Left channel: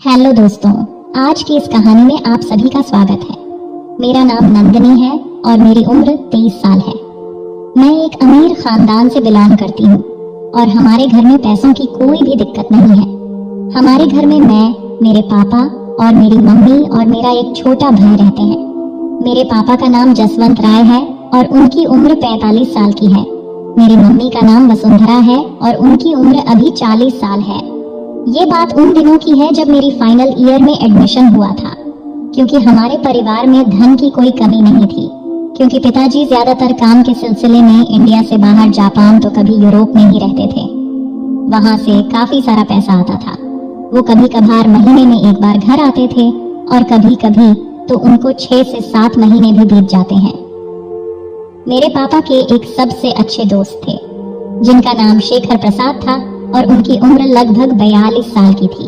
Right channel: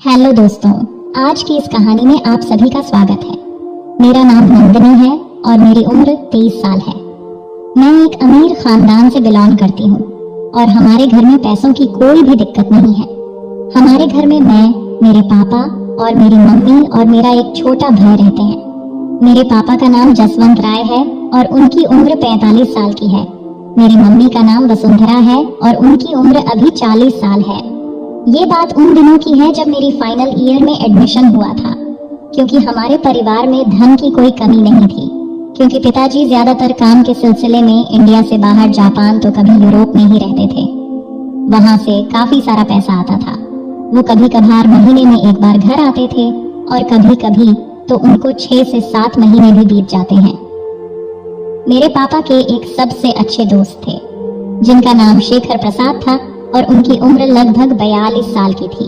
Hello दोस्तों, आज की इस कहानी में आप सभी का स्वागत है। मेरा नाम नंदिनी है और मेरी उम्र 30 साल है। मैं एक अमीर खानदान से बिलोंग करती हूँ और हमारे घर में पैसों की कोई भी दिक्कत नहीं है। हमारे घर में मैं, मेरे पापा और मेरी मम्मी और मेरा एक छोटा भाई रहते हैं। मेरे पापा का नाम जसवंत राय है और उनकी उम्र 45 साल की है। मेरी मम्मी का नाम वसुंधरा है और उनकी उम्र अभी 40 साल है। ये बात उन दिनों की है जब मेरी फाइनल ईयर में एडमिशन हुआ था, क्योंकि हमारे परिवार में धन की कोई कमी नहीं थी, क्योंकि पिताजी ज्यादातर काम के सिलसिले में इंडिया से बाहर जापान तो कभी यूरोप में ही रहते थे। वहां से काफी सारा पैसा आता था। वो कभी कभार महीने में एक बार घर आते थे और कभी कभी तो उनको 6 से 7 महीने भी बीत जाते हैं। मेरे पापा के एक सबसे अच्छे दोस्त थे जिनका नाम शेखर प्रसाद था और उनकी उम्र लगभग 42 साल की थी।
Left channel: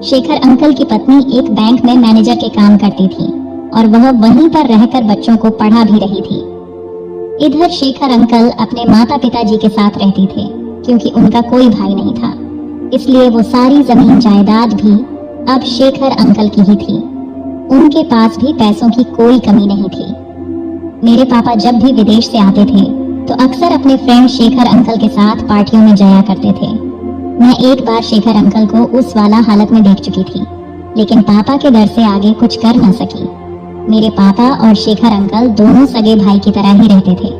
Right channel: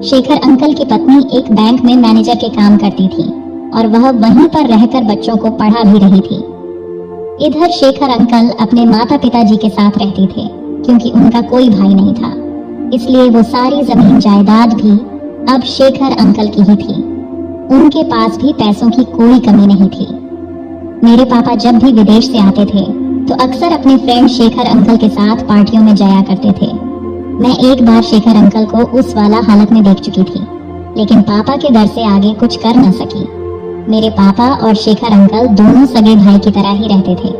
शेखर अंकल की पत्नी एक बैंक में मैनेजर के काम करती थी और वह वहीं पर रहकर बच्चों को पढ़ा भी रही थी। इधर शेखर अंकल अपने माता पिताजी के साथ रहते थे, क्योंकि उनका कोई भाई नहीं था, इसलिए वो सारी जमीन जायदाद भी अब शेखर अंकल की ही थी। उनके पास भी पैसों की कोई कमी नहीं थी। मेरे पापा जब भी विदेश से आते थे तो अक्सर अपने फ्रेंड शेखर अंकल के साथ पार्टियों में जाया करते थे। मैं एक बार शेखर अंकल को उस वाला हालत में देख चुकी थी, लेकिन पापा के डर से आगे कुछ कर न सकी। मेरे पापा और शेखर अंकल दोनों सगे भाई की तरह ही रहते थे।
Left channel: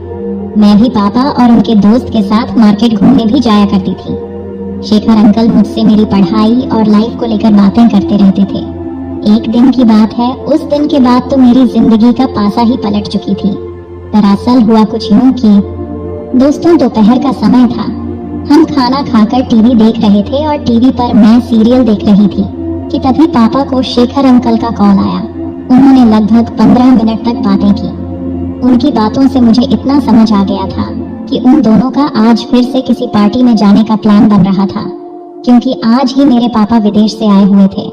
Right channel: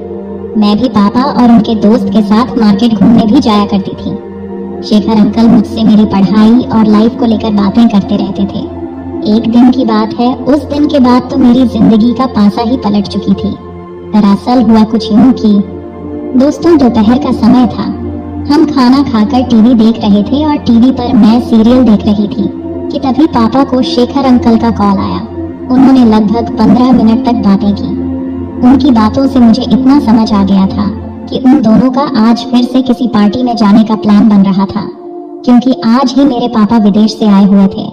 मैं भी पापा और उनके दोस्त के साथ मार्केट घूमने भी जाया करती थी। शेखर अंकल मुझसे मेरी पढ़ाई और लाइफ को लेकर बातें करते रहते थे। एक दिन की बात है, उस दिन के बाद तो मेरी जिंदगी का पासा ही पलट चुकी थी। दरअसल हुआ कुछ यूं कि दोस्तों, दोपहर का समय था। हम खाना खाकर टीवी देख रहे थे और टीवी पर मैं सीरियल देख रही थी कि तभी पापा को शेखर अंकल का कॉल आया। उन्होंने लगभग 15 मिनट तक बातें की। उनकी बातों से मुझे इतना समझ आ गया था कि उन दोनों का आज फिर से किसी पार्टी में जाने का प्लान बन रहा था, क्योंकि आज ही मेरे पापा विदेश से आए हुए थे।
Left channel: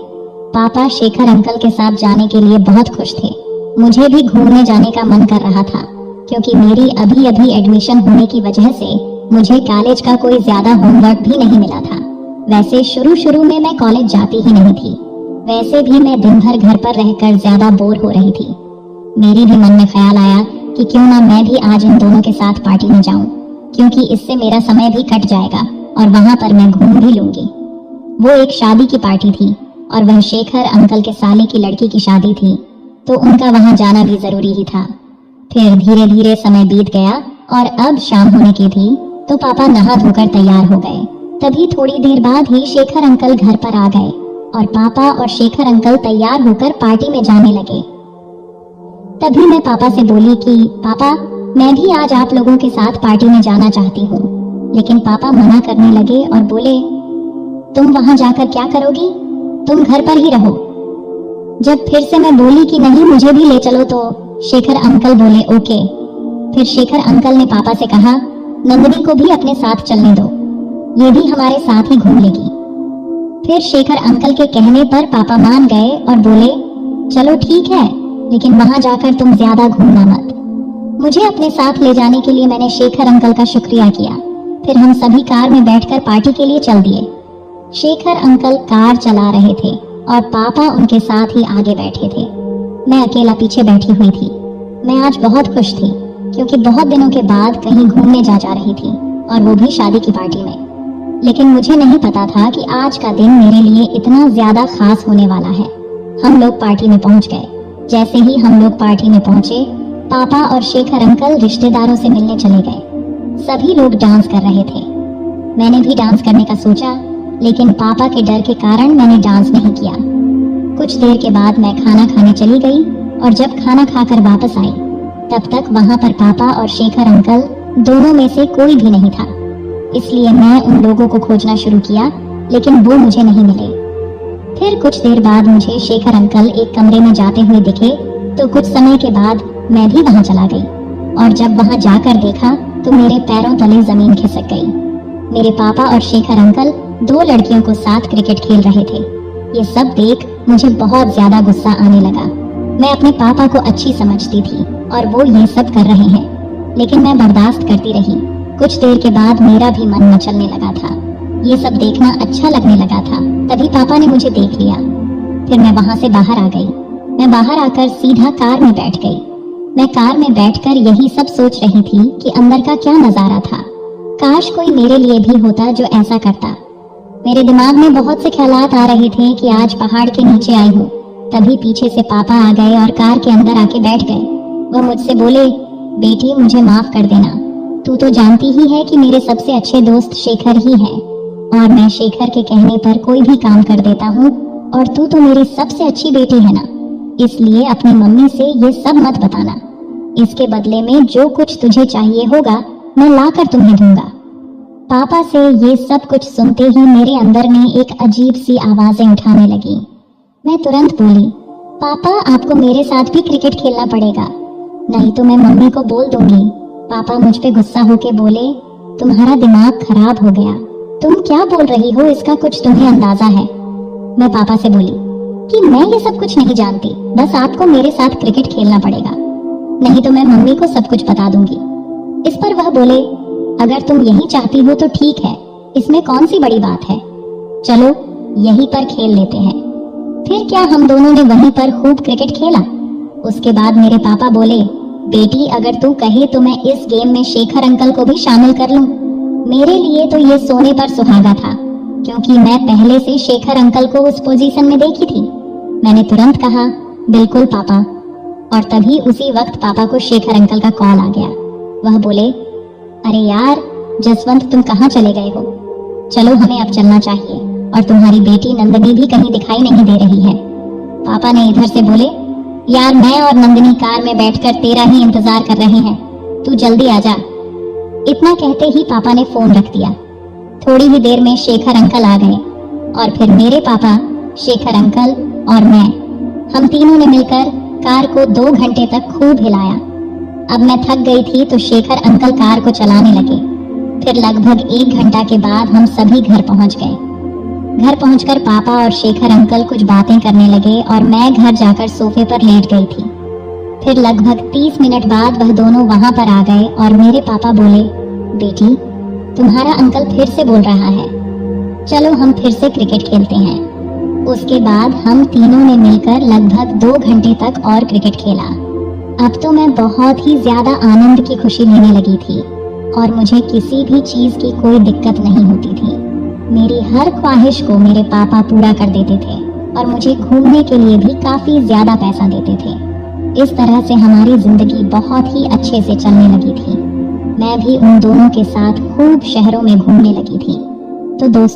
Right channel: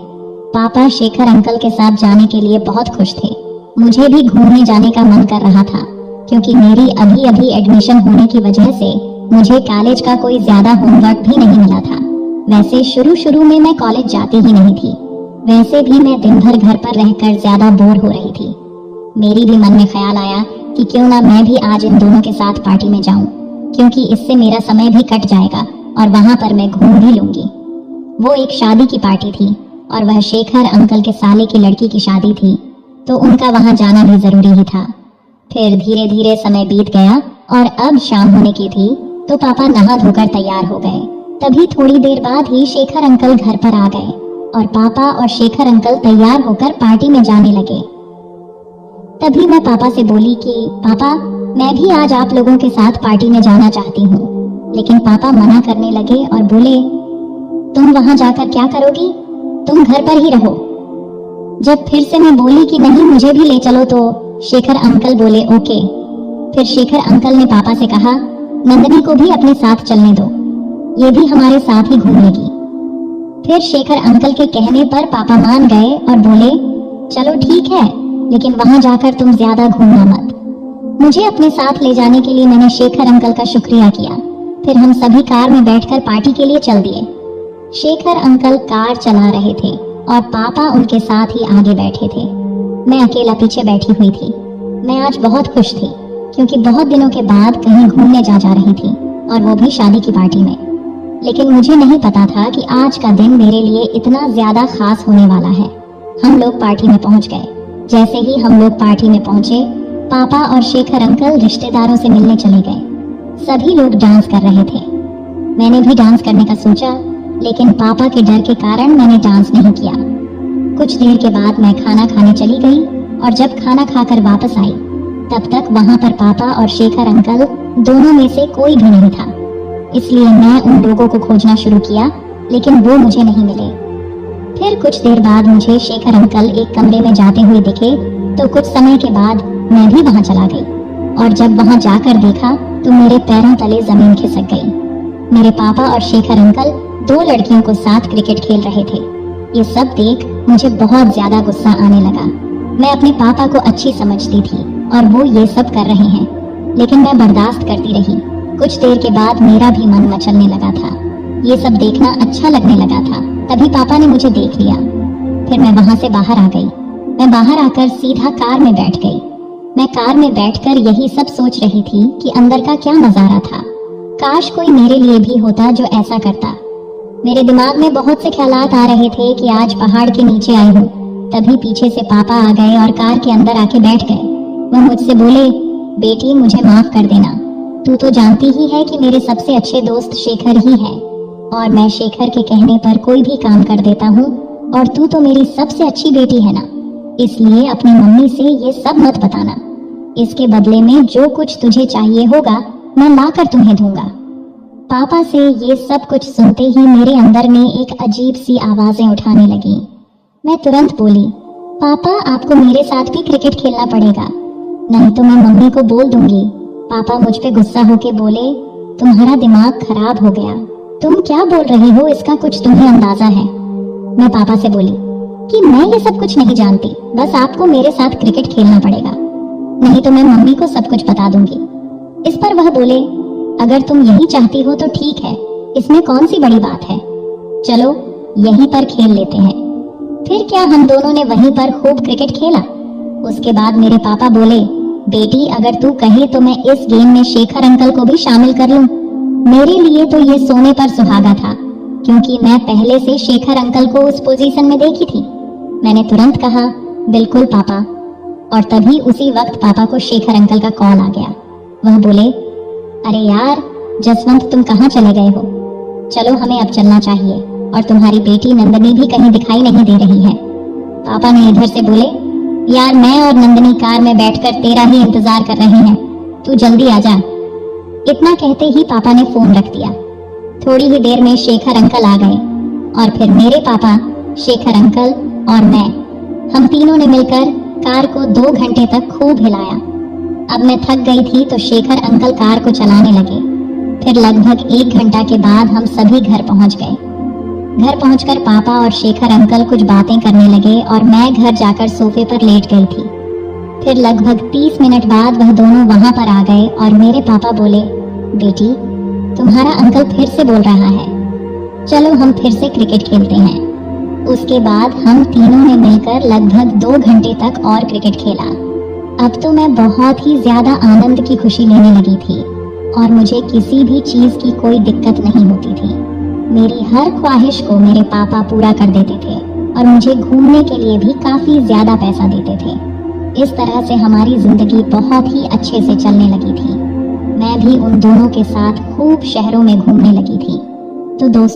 पापा शेखर अंकल के साथ जाने के लिए बहुत खुश थे। मुझे भी घूमने जाने का मन कर रहा था, क्योंकि मेरी अभी अभी एडमिशन होने की वजह से मुझे कॉलेज का कोई ज्यादा होमवर्क भी नहीं मिला था। वैसे शुरू में मैं कॉलेज जाती ही नहीं थी। वैसे भी मैं दिन भर घर पर रहकर ज्यादा बोर हो रही थी। मेरी भी मन में ख्याल आया कि क्यों ना मैं भी आज इन दोनों के साथ पार्टी में जाऊं, क्योंकि इससे मेरा समय भी कट जाएगा और वहां पर मैं घूम भी लूंगी। वो एक शादी की पार्टी थी और वह शेखर अंकल के साले की लड़की की शादी थी, तो उनका वहां जाना भी जरूरी ही था। फिर धीरे धीरे समय बीत गया और अब शाम होने की थी, तो पापा नहा धोकर तैयार हो गए। तभी थोड़ी देर बाद ही शेखर अंकल घर पर आ गए और पापा और शेखर अंकल तैयार होकर पार्टी में जाने लगे। तभी मैं पापा से बोली कि पापा, मैं भी आज आप लोगों के साथ पार्टी में जाना चाहती हूँ। लेकिन पापा मना करने लगे और बोले, तुम वहां जाकर क्या करोगी? तुम घर पर ही रहो। जब फिर से मैं बोली कि नहीं, मुझे भी ले चलो, तो शेखर अंकल बोले ओके। फिर शेखर अंकल ने पापा से कहा, नंदिनी को भी अपने साथ चलने दो, ये भी हमारे साथ ही घूम लेगी। फिर शेखर अंकल के कहने पर पापा मान गए और बोले, चलो ठीक है, लेकिन वहां जाकर तुम ज्यादा घूमना मत। मुझे अपने साथ ले जाने के लिए मैंने शेखर अंकल का शुक्रिया किया। फिर हम सभी कार में बैठकर पार्टी के लिए चल दिए। शेखर अंकल कार चला रहे थे और पापा उनके साथ ही आगे बैठे थे। मैं अकेला पीछे बैठी हुई थी। मैं आज बहुत खुश थी, क्योंकि बहुत दिनों के बाद कहीं घूमने जा रही थी, और वो भी शादी की पार्टी में। लेकिन मुझे नहीं पता था कि आज का दिन मेरे लिए इतना ज्यादा खास होने वाला है। हम लोग पार्टी में पहुंच गए। जैसे ही हम लोग पार्टी में पहुंचे, पापा और शेखर अंकल रिश्तेदारों से मिलने चले गए। सभी लोग डांस कर रहे थे। मैंने भी डांस करने का सोचा, लेकिन पापा के डर के कारण मैंने डांस नहीं किया। कुछ देर के बाद मैं खाना खाने चली गई और जब खाना खाकर वापस आई, तब तक वहां पर पापा और शेखर अंकल दोनों में से कोई भी नहीं था। इसलिए मैं उन लोगों को खोजना शुरू किया, लेकिन वो मुझे नहीं मिले। फिर कुछ देर बाद मुझे शेखर अंकल एक कमरे में जाते हुए दिखे, तो कुछ समय के बाद मैं भी वहां चला गई और जब वहां जाकर देखा तो मेरे पैरों तले जमीन खिसक गई। मेरे पापा और शेखर अंकल 2 लड़कियों को साथ क्रिकेट खेल रहे थे। ये सब देख मुझे बहुत ज्यादा गुस्सा आने लगा। मैं अपने पापा को अच्छी समझती थी और वो ये सब कर रहे हैं, लेकिन मैं बर्दाश्त करती रही। कुछ देर के बाद मेरा भी मन मचलने लगा था। ये सब देखना अच्छा लगने लगा था। तभी पापा ने मुझे देख लिया। फिर मैं वहां से बाहर आ गई। मैं बाहर आकर सीधा कार में बैठ गई। मैं कार में बैठकर यही सब सोच रही थी कि अंदर का क्या नजारा था। काश कोई मेरे लिए भी होता जो ऐसा करता। मेरे दिमाग में बहुत से ख्यालात आ रहे थे कि आज पहाड़ के नीचे आई हूँ। तभी पीछे से पापा आ गए और कार के अंदर आके बैठ गए। वो मुझसे बोले, बेटी मुझे माफ कर देना, तू तो जानती ही है कि मेरे सबसे अच्छे दोस्त शेखर ही है और मैं शेखर के कहने पर कोई भी काम कर देता हूँ और तू तो मेरी सबसे अच्छी बेटी है ना, इसलिए अपनी मम्मी से ये सब मत बताना। इसके बदले में जो कुछ तुझे चाहिए होगा मैं लाकर तुम्हें दूंगा। पापा से ये सब कुछ सुनते ही मेरे अंदर में एक अजीब सी आवाजें उठाने लगी। मैं तुरंत बोली, पापा आपको मेरे साथ भी क्रिकेट खेलना पड़ेगा, नहीं तो मैं मम्मी को बोल दूंगी। पापा मुझ पे गुस्सा होके बोले, तुम्हारा दिमाग खराब हो गया, तुम क्या बोल रही हो, इसका कुछ तुम्हें अंदाजा है। मैं पापा से बोली कि मैं ये सब कुछ नहीं जानती, बस आपको मेरे साथ क्रिकेट खेलना पड़ेगा, नहीं तो मैं मम्मी को सब कुछ बता दूंगी। इस पर वह बोले, अगर तुम यही चाहती हो तो ठीक है, इसमें कौन सी बड़ी बात है, चलो यहीं पर खेल लेते हैं। फिर क्या हम दोनों ने वहीं पर खूब क्रिकेट खेला। उसके बाद मेरे पापा बोले, बेटी अगर तू कहे तो मैं इस गेम में शेखर अंकल को भी शामिल कर लूं। मेरे लिए तो ये सोने पर सुहागा था, क्योंकि मैं पहले से शेखर अंकल को उस पोजीशन में देखी थी। मैंने तुरंत कहा, बिल्कुल पापा। और तभी उसी वक्त पापा को शेखर अंकल का कॉल आ गया। वह बोले, अरे यार जसवंत तुम कहाँ चले गए हो, चलो हमें अब चलना चाहिए और तुम्हारी बेटी नंदिनी भी कहीं दिखाई नहीं दे रही है। पापा ने इधर से बोले, यार मैं और नंदिनी कार में बैठकर तेरा ही इंतजार कर रहे हैं, तू जल्दी आ जा। इतना कहते ही पापा ने फोन रख दिया। थोड़ी ही देर में शेखर अंकल आ गए और फिर मेरे पापा, शेखर अंकल और मैं, हम तीनों ने मिलकर कार को 2 घंटे तक खूब हिलाया। अब मैं थक गई थी तो शेखर अंकल कार को चलाने लगे। फिर लगभग 1 घंटा के बाद हम सभी घर पहुंच गए। घर पहुंचकर पापा और शेखर अंकल कुछ बातें करने लगे और मैं घर जाकर सोफे पर लेट गई थी। फिर लगभग 30 मिनट बाद वह दोनों वहां पर आ गए और मेरे पापा बोले, बेटी तुम्हारा अंकल फिर से बोल रहा है, चलो हम फिर से क्रिकेट खेलते हैं। उसके बाद हम तीनों ने मिलकर लगभग 2 घंटे तक और क्रिकेट खेला। अब तो मैं बहुत ही ज्यादा आनंद की खुशी लेने लगी थी और मुझे किसी भी चीज की कोई दिक्कत नहीं होती थी। मेरी हर ख्वाहिश को मेरे पापा पूरा कर देते थे और मुझे घूमने के लिए भी काफी ज्यादा पैसा देते थे। इस तरह से हमारी जिंदगी बहुत ही अच्छे से चलने लगी थी। मैं भी उन दोनों के साथ खूब शहरों में घूमने लगी थी। तो दोस्तों